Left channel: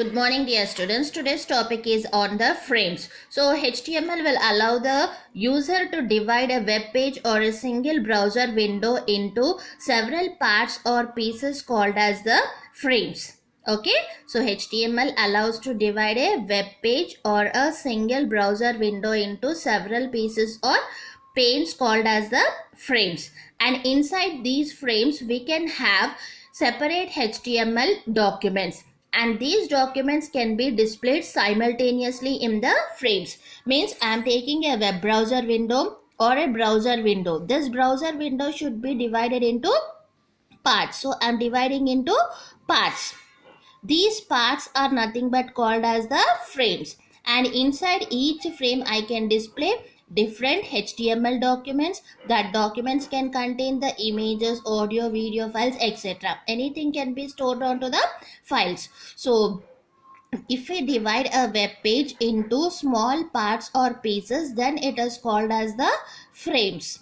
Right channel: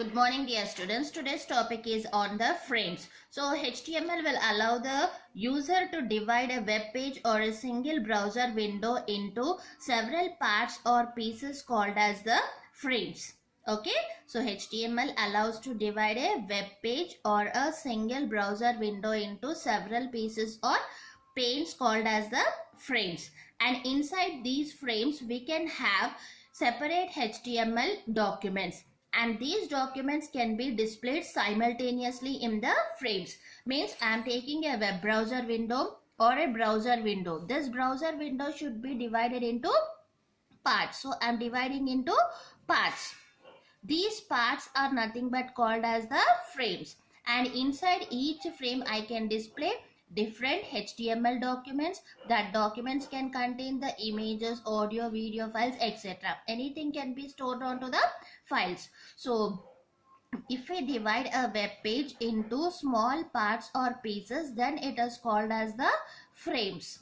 Good morning, dear students. Today's topic is on the frames. So HTML will allow the user to divide a web page or a single browser window into several parts or pieces called as the frames. Okay, so HTML allows to divide a web page or a single browser window into several pieces or panes called as the frames, and inside these frames we can have separate HTML documents, and these documents can be displayed simultaneously in the frames. Means I am taking a web browser window or a browser window. This browser window should be divided into parts, so I am dividing into parts. These parts are nothing but called as the frames, and inside each frame I can display different HTML documents. That documents can contain the images, audio, video files, etc. Anything can be stored onto the files. So if we divide a web page into small parts or pieces, then it is called as the frames.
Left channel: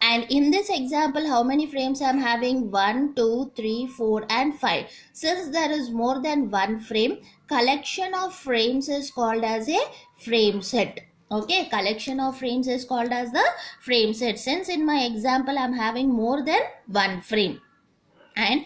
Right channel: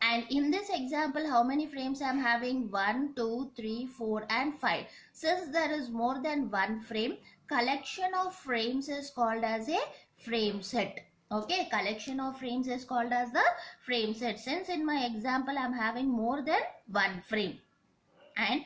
And in this example, how many frames I am having? 1, 2, 3, 4 and 5. Since there is more than one frame, collection of frames is called as a frame set. Okay, collection of frames is called as the frame set. Since in my example I am having more than one frame, and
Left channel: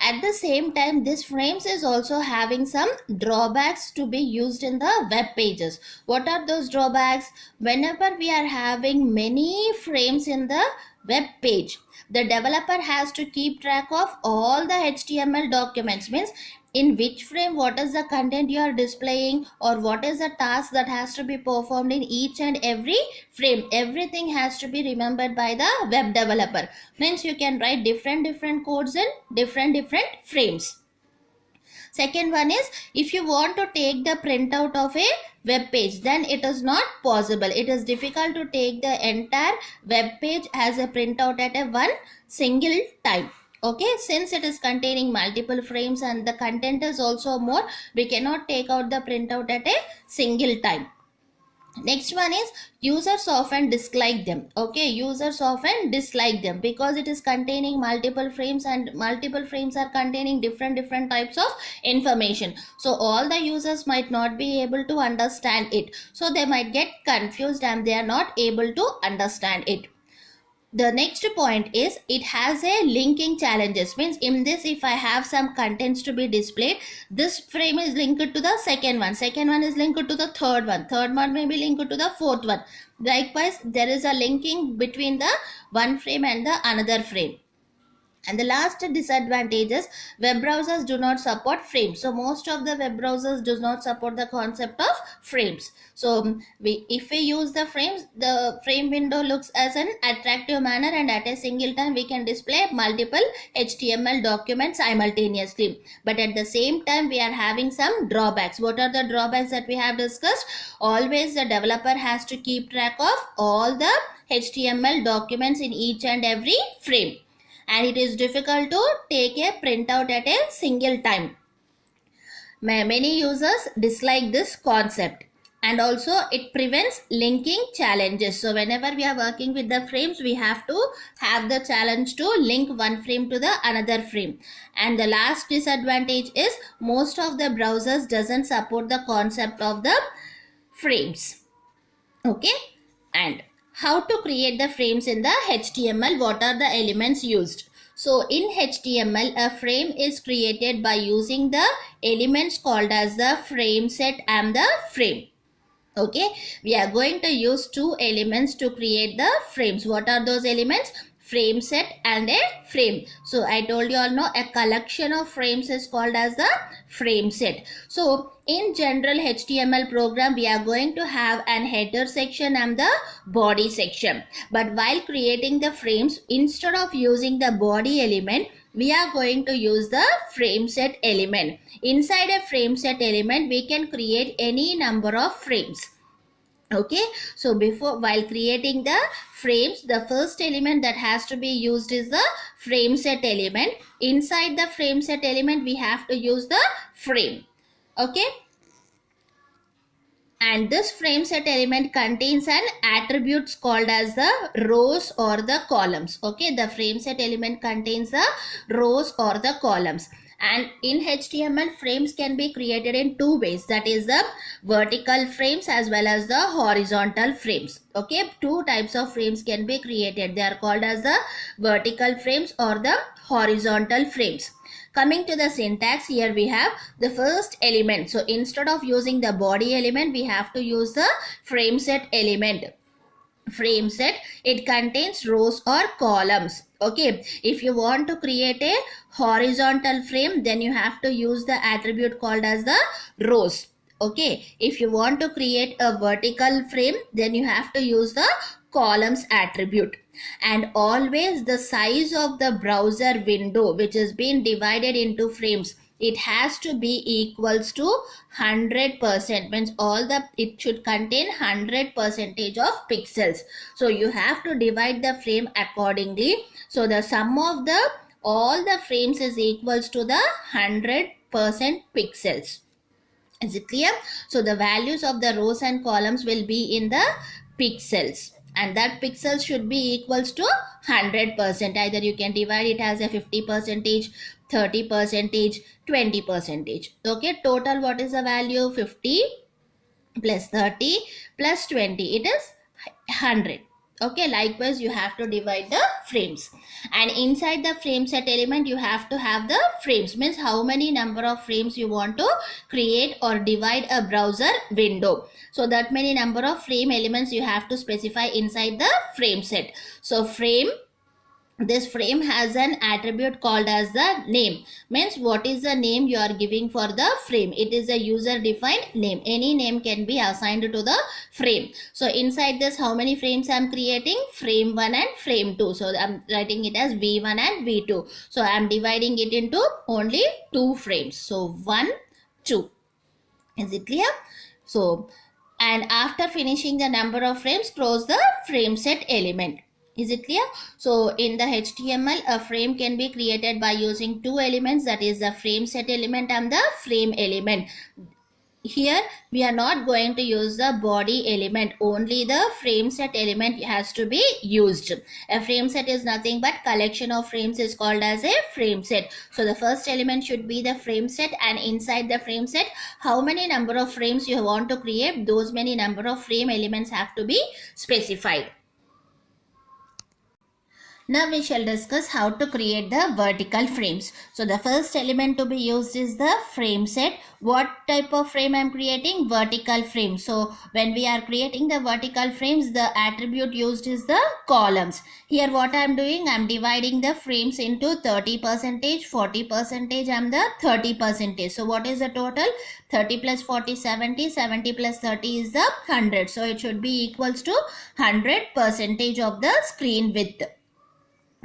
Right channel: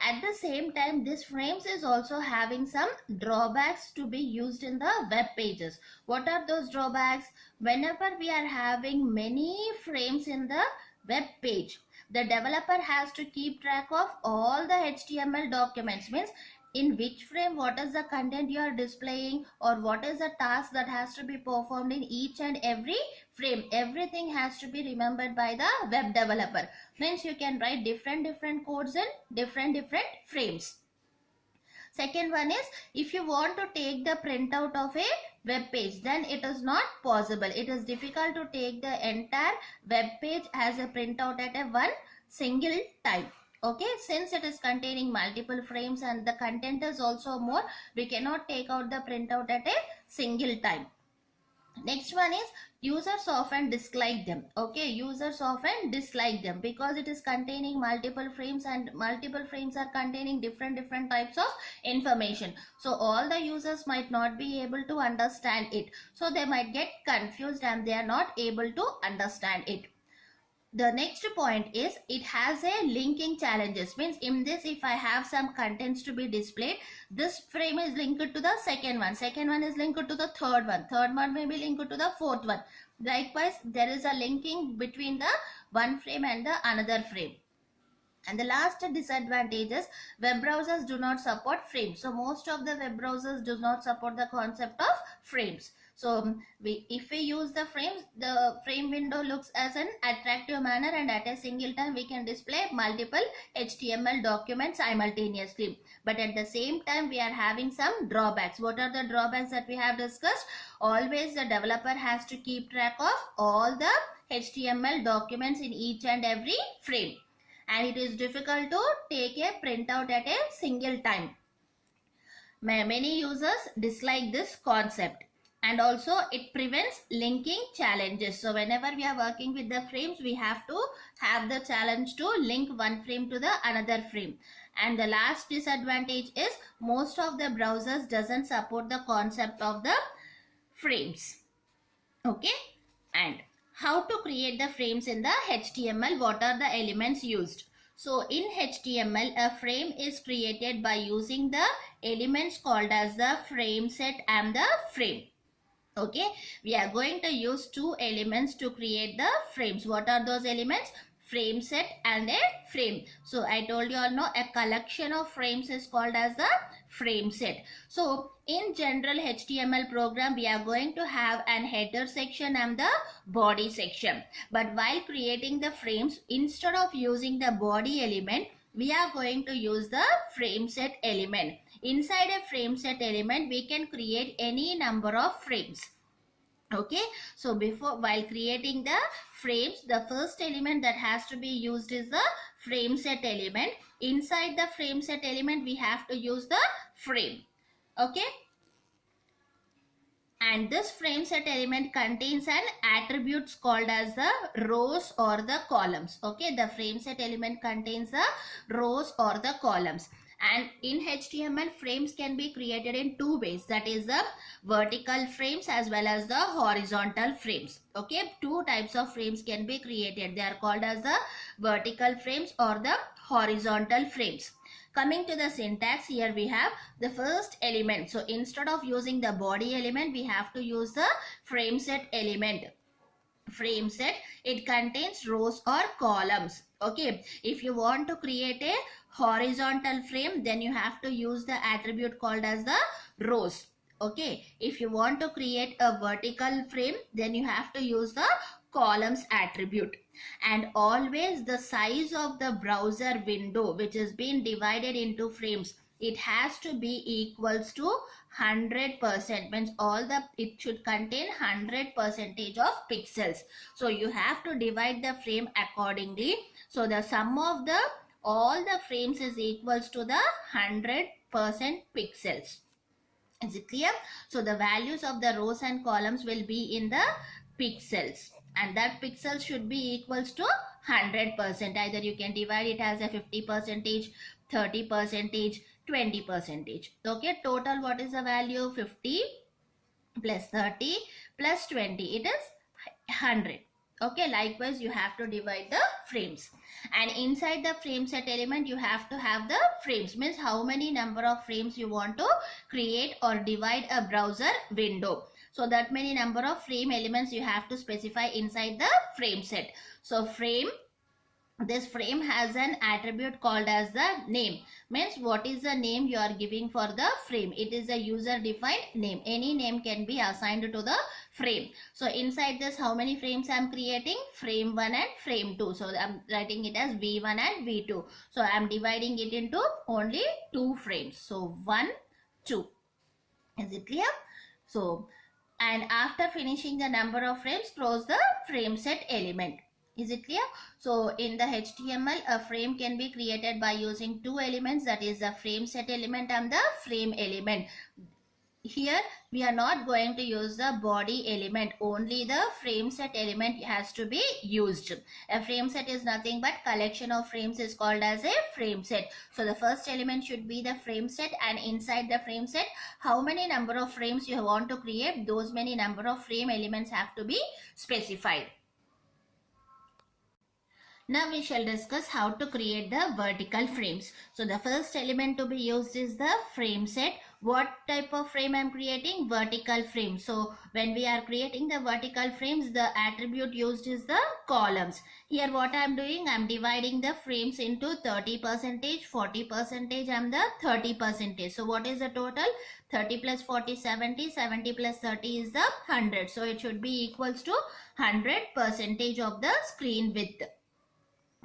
at the same time this frames is also having some drawbacks to be used in the web pages. What are those drawbacks? Whenever we are having many frames in the web page, the developer has to keep track of all the HTML documents. Means in which frame what is the content you are displaying, or what is the task that has to be performed in each and every frame. Everything has to be remembered by the web developer. Means you can write different codes in different frames. Second one is, if you want to take the printout of a web page, then it is not possible. It is difficult to take the entire web page as a printout at a one single time. Okay, since it is containing multiple frames and the content is also more, we cannot take out the printout at a single time. Next one is, users often dislike them. Okay, users often dislike them because it is containing multiple frames, and multiple frames are containing different types of information. So all the users might not be able to understand it. So they might get confused and they are not able to understand it. The next point is, it has a linking challenges. Means in this, if I have some contents to be displayed, this frame is linked to the second one is linked to the third one may be linked to the fourth one. Likewise, there is a linking between the one frame and the another frame. And the last disadvantage is, web browsers do not support frames. So most of the web browsers do not support the concept of frames. So if we use the frames, the frame window looks as an attractive manner, and at a single time we can display multiple HTML documents simultaneously. But at the same time we are having some drawbacks. What are the drawbacks that we have discussed? Always the developer has to keep track of all the HTML documents in each and every frame, and it is difficult to take a printout at a single time. Many users dislike this concept, and also it prevents linking challenges. So whenever we are working with the frames, we have to have the challenge to link one frame to the another frame. And the last disadvantage is, most of the browsers doesn't support the concept of the frames. Okay, and how to create the frames in the HTML? What are the elements used? So in HTML, a frame is created by using the elements called as the frame set and the frame. Okay, we are going to use two elements to create the frames. What are those elements? Frame set and a frame. So I told you all, know a collection of frames is called as the frame set. So in general HTML program, we are going to have an header section and the body section. But while creating the frames, instead of using the body element, we are going to use the frame set element. Inside a frame set element, we can create any number of frames. Okay, so while creating the frames, the first element that has to be used is the frame set element. Inside the frame set element, we have to use the frame. Okay, and this frame set element contains an attributes called as the rows or the columns. Okay, the frame set element contains the rows or the columns. And in HTML, frames can be created in two ways, that is the vertical frames as well as the horizontal frames. Okay, two types of frames can be created. They are called as the vertical frames or the horizontal frames. Coming to the syntax, here we have the first element. So instead of using the body element, we have to use the frame set element. Frame set, it contains rows or columns. Okay, if you want to create a horizontal frame, then you have to use the attribute called as the rows. Okay, if you want to create a vertical frame, then you have to use the columns attribute. And always the size of the browser window, which is being divided into frames, it has to be equals to 100%, means it should contain 100% of pixels. So you have to divide the frame accordingly. So the sum of the all the frames is equals to the 100% pixels. Is it clear? So the values of the rows and columns will be in the pixels, and that pixels should be equals to 100%. Either you can divide it as a 50%, 30%, 20%. Okay, total what is the value? 50 plus 30 plus 20, it is 100. Okay, likewise you have to divide the frames, and inside the frame set element you have to have the frames, means how many number of frames you want to create or divide a browser window. So that many number of frame elements you have to specify inside the frame set. So this frame has an attribute called as the name, means what is the name you are giving for the frame. It is a user defined name. Any name can be assigned to the frame. So inside this, how many frames I am creating? Frame 1 and frame 2. So I am writing it as V1 and V2. So I am dividing it into only 2 frames. So 1, 2. Is it clear? So, and after finishing the number of frames, close the frame set element. Is it clear? So in the HTML, a frame can be created by using two elements, that is the frame set element and the frame element. Here we are not going to use the body element, only the frame set element has to be used. A frame set is nothing but collection of frames is called as a frame set. So the first element should be the frame set, and inside the frame set, how many number of frames you want to create, those many number of frame elements have to be specified. Now we shall discuss how to create the vertical frames. So the first element to be used is the frame set. What type of frame I am creating? Vertical frame. So when we are creating the vertical frames, the attribute used is the columns. Here what I am doing, I am dividing the frames into 30%, 40% and the 30%. So what is the total? 30 plus 40, 70, 70 plus 30 is the 100. So it should be equals to 100% of the screen width.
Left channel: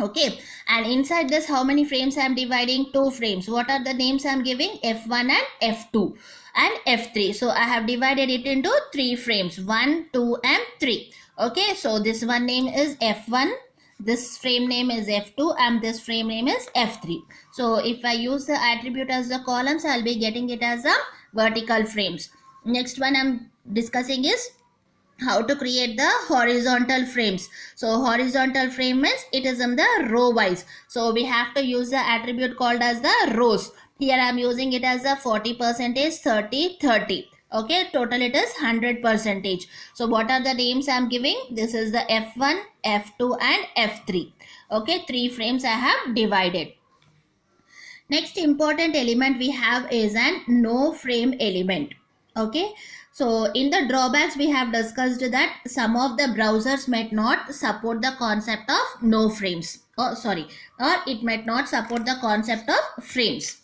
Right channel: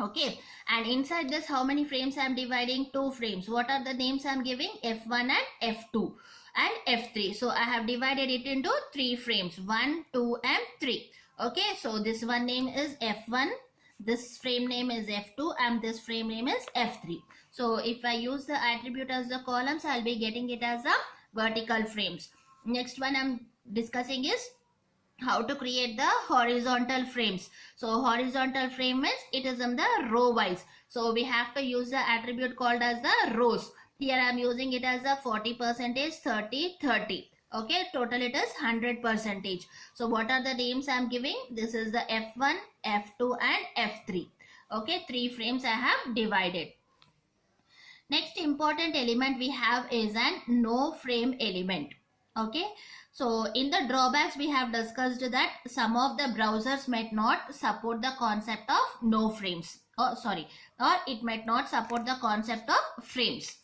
Okay, and inside this, how many frames I am dividing? 2 frames. What are the names I am giving? F1 and F2 and F3. So I have divided it into 3 frames, 1, 2 and 3. Okay, so this one name is F1, this frame name is F2 and this frame name is F3. So if I use the attribute as the columns, I will be getting it as a vertical frames. Next one I am discussing is how to create the horizontal frames. So horizontal frame means it is in the row wise. So we have to use the attribute called as the rows. Here I am using it as a 40%, 30, 30. Okay, total it is 100%. So what are the names I am giving? This is the F1, F2 and F3. Okay, 3 frames I have divided. Next important element we have is an no frame element. Okay, so in the drawbacks we have discussed that some of the browsers might not support the concept of no frames, or it might not support the concept of frames.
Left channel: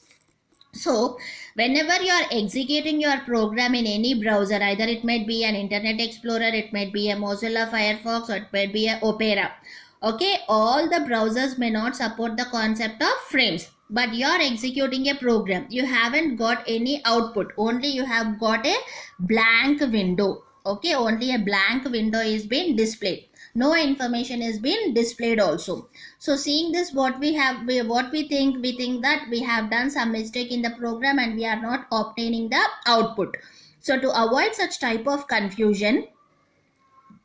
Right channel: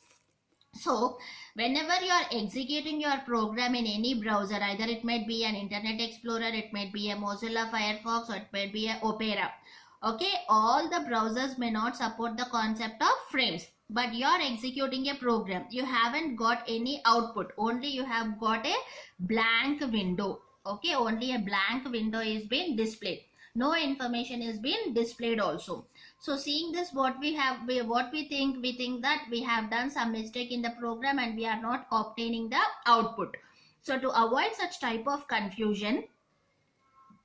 So whenever you are executing your program in any browser, either it might be an Internet Explorer, it might be a Mozilla Firefox, or it might be a Opera. Okay, all the browsers may not support the concept of frames, but you are executing a program. You haven't got any output, only you have got a blank window. Okay, only a blank window is being displayed. No information is being displayed also. So seeing this, what we think that we have done some mistake in the program and we are not obtaining the output. So to avoid such type of confusion,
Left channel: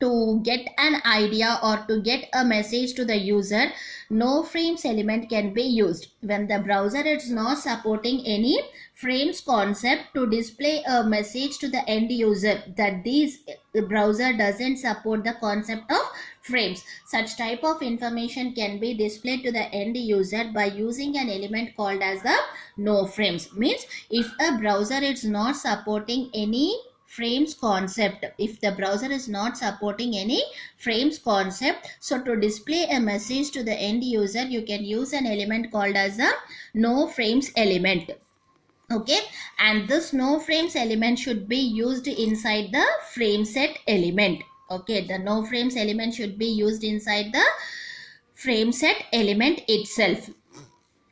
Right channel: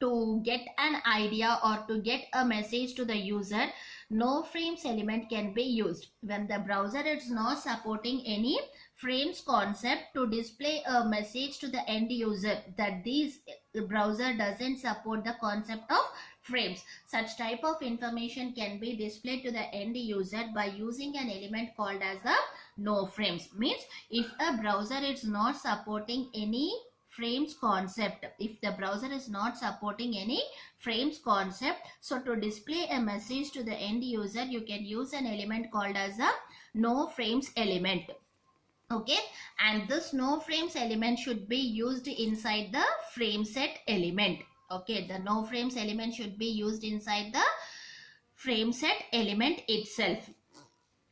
to get an idea or to get a message to the user, no frames element can be used. When the browser is not supporting any frames concept to display a message to the end user that the browser doesn't support the concept of frames, such type of information can be displayed to the end user by using an element called as the no frames. Means if a browser is not supporting any frames concept, if the browser is not supporting any frames concept, so to display a message to the end user you can use an element called as a no frames element. Okay, and this no frames element should be used inside the frame set element. Okay, the no frames element should be used inside the frame set element itself.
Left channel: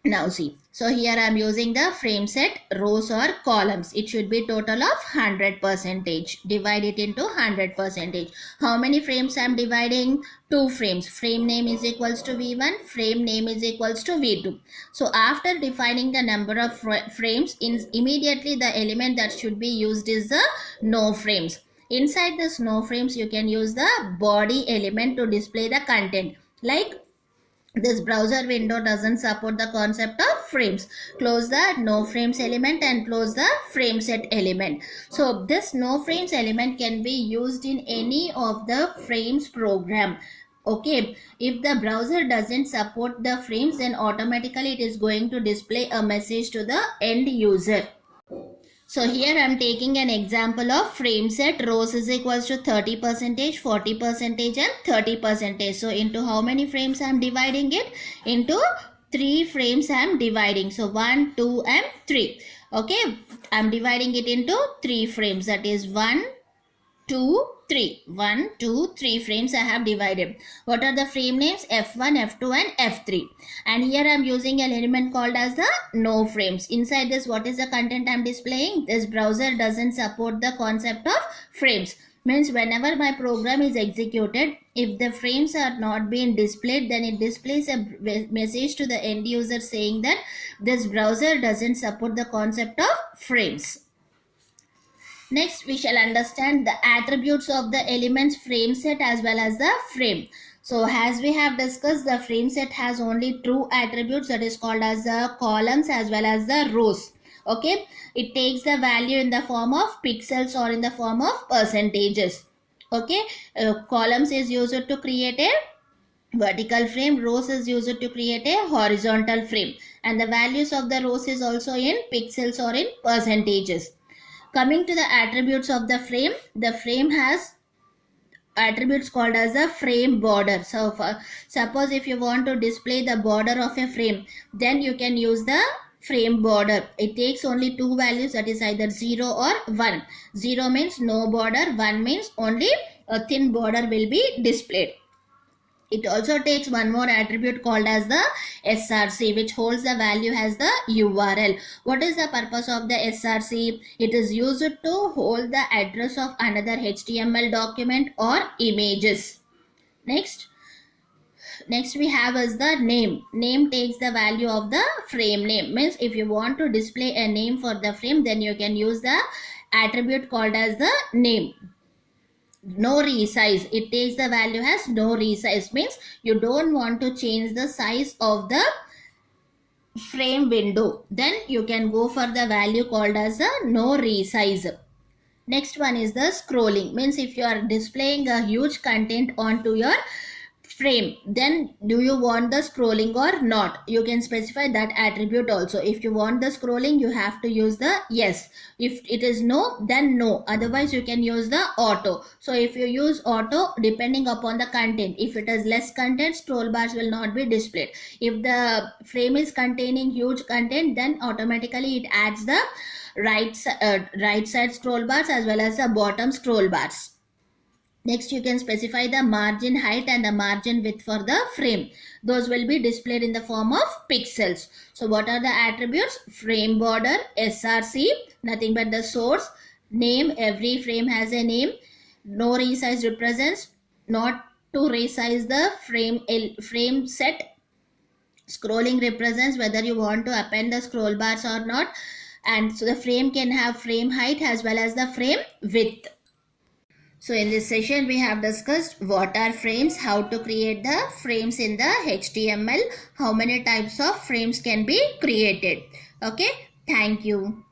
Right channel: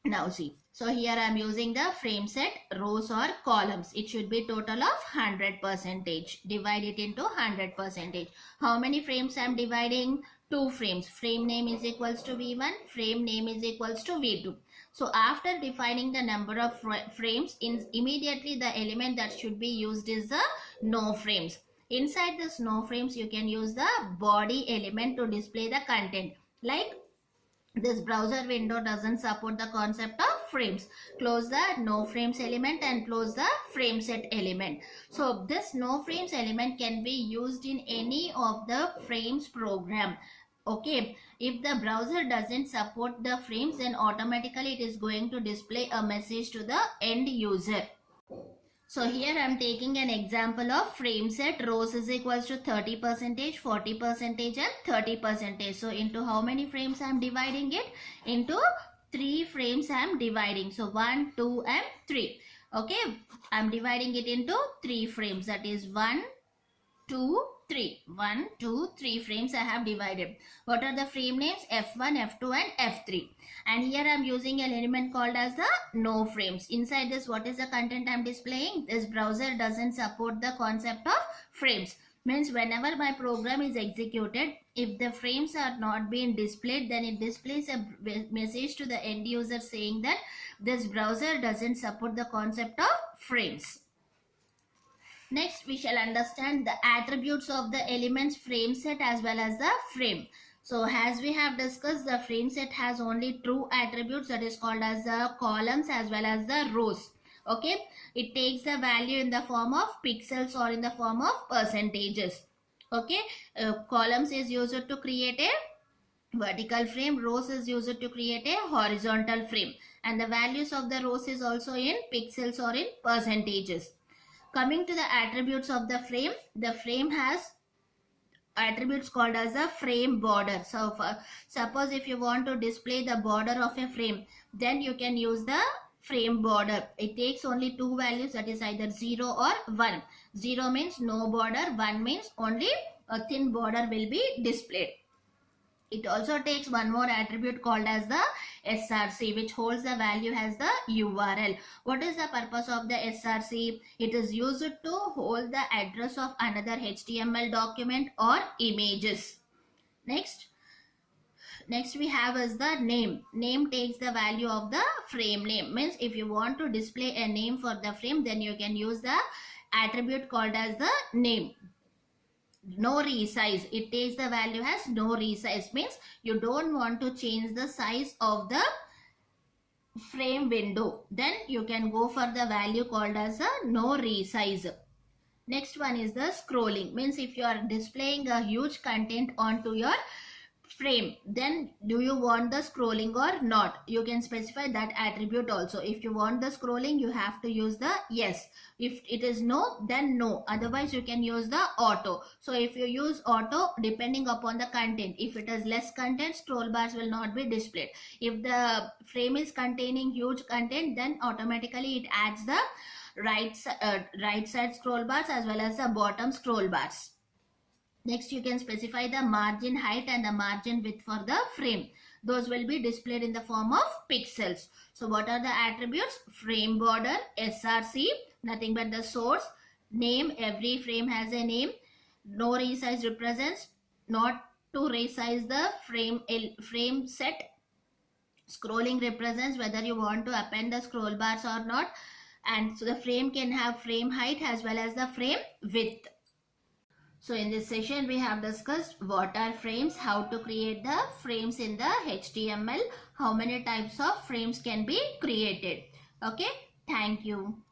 Now see, so here I am using the frame set rows or columns. It should be total of 100%. Divide it into 100%. How many frames I am dividing? 2 frames. Frame name is equals to V1. Frame name is equals to V2. So after defining the number of frames, immediately the element that should be used is the no frames. Inside this no frames, you can use the body element to display the content. Like this browser window doesn't support the concept of frames. Close the no frames element and close the frame set element. So this no frames element can be used in any of the frames program. Okay, if the browser doesn't support the frames, then automatically it is going to display a message to the end user. So here I am taking an example of frame set rows is equals to 30%, 40% and 30%. So into how many frames I am dividing it? Into 3 frames I am dividing. So 1, 2 and 3. Okay, I am dividing it into 3 frames. That is 1, 2, 3. 1, 2, 3 frames I have divided. What are the frame names? F1, F2 and F3. And here I am using an element called as the no frames. Inside this, what is the content I am displaying? This browser doesn't support the concept of frames. Means whenever my program is executed, if the frames are not being displayed, then it displays a message to the end user saying that this browser doesn't support the concept of frames. Next, we shall understand the attributes of the elements frame set as well as the frame. So as we have discussed, the frame set has only two attributes, that is called as the columns as well as the rows. Okay, it takes the value in the form of pixels or in the form of percentages. Okay, columns is used to create a vertical frame, rows is used to create a horizontal frame, and the values of the rows is also in pixels or in percentages. Coming to the attributes of the frame has attributes called as a frame border. So suppose if you want to display the border of a frame, then you can use the frame border. It takes only two values, that is either 0 or 1. 0 means no border, 1 means only a thin border will be displayed. It also takes one more attribute called as the SRC, which holds the value as the URL. What is the purpose of the SRC? It is used to hold the address of another HTML document or images. Next we have is the name. Name takes the value of the frame name. Means if you want to display a name for the frame, then you can use the attribute called as the name. No resize, it takes the value as no resize, means you don't want to change the size of the frame window, then you can go for the value called as a no resize. Next one is the scrolling, means if you are displaying a huge content onto your frame, then do you want the scrolling or not? You can specify that attribute also. If you want the scrolling, you have to use the yes. If it is no, then no. Otherwise you can use the auto. So if you use auto, depending upon the content, if it is less content, scroll bars will not be displayed. If the frame is containing huge content, then automatically it adds the right side scroll bars as well as the bottom scroll bars. Next, you can specify the margin height and the margin width for the frame. Those will be displayed in the form of pixels. So what are the attributes? Frame border, SRC, nothing but the source. Name, every frame has a name. No resize represents not to resize the frame set. Scrolling represents whether you want to append the scroll bars or not. And so the frame can have frame height as well as the frame width. So in this session we have discussed what are frames, how to create the frames in the HTML, how many types of frames can be created. Okay, thank you.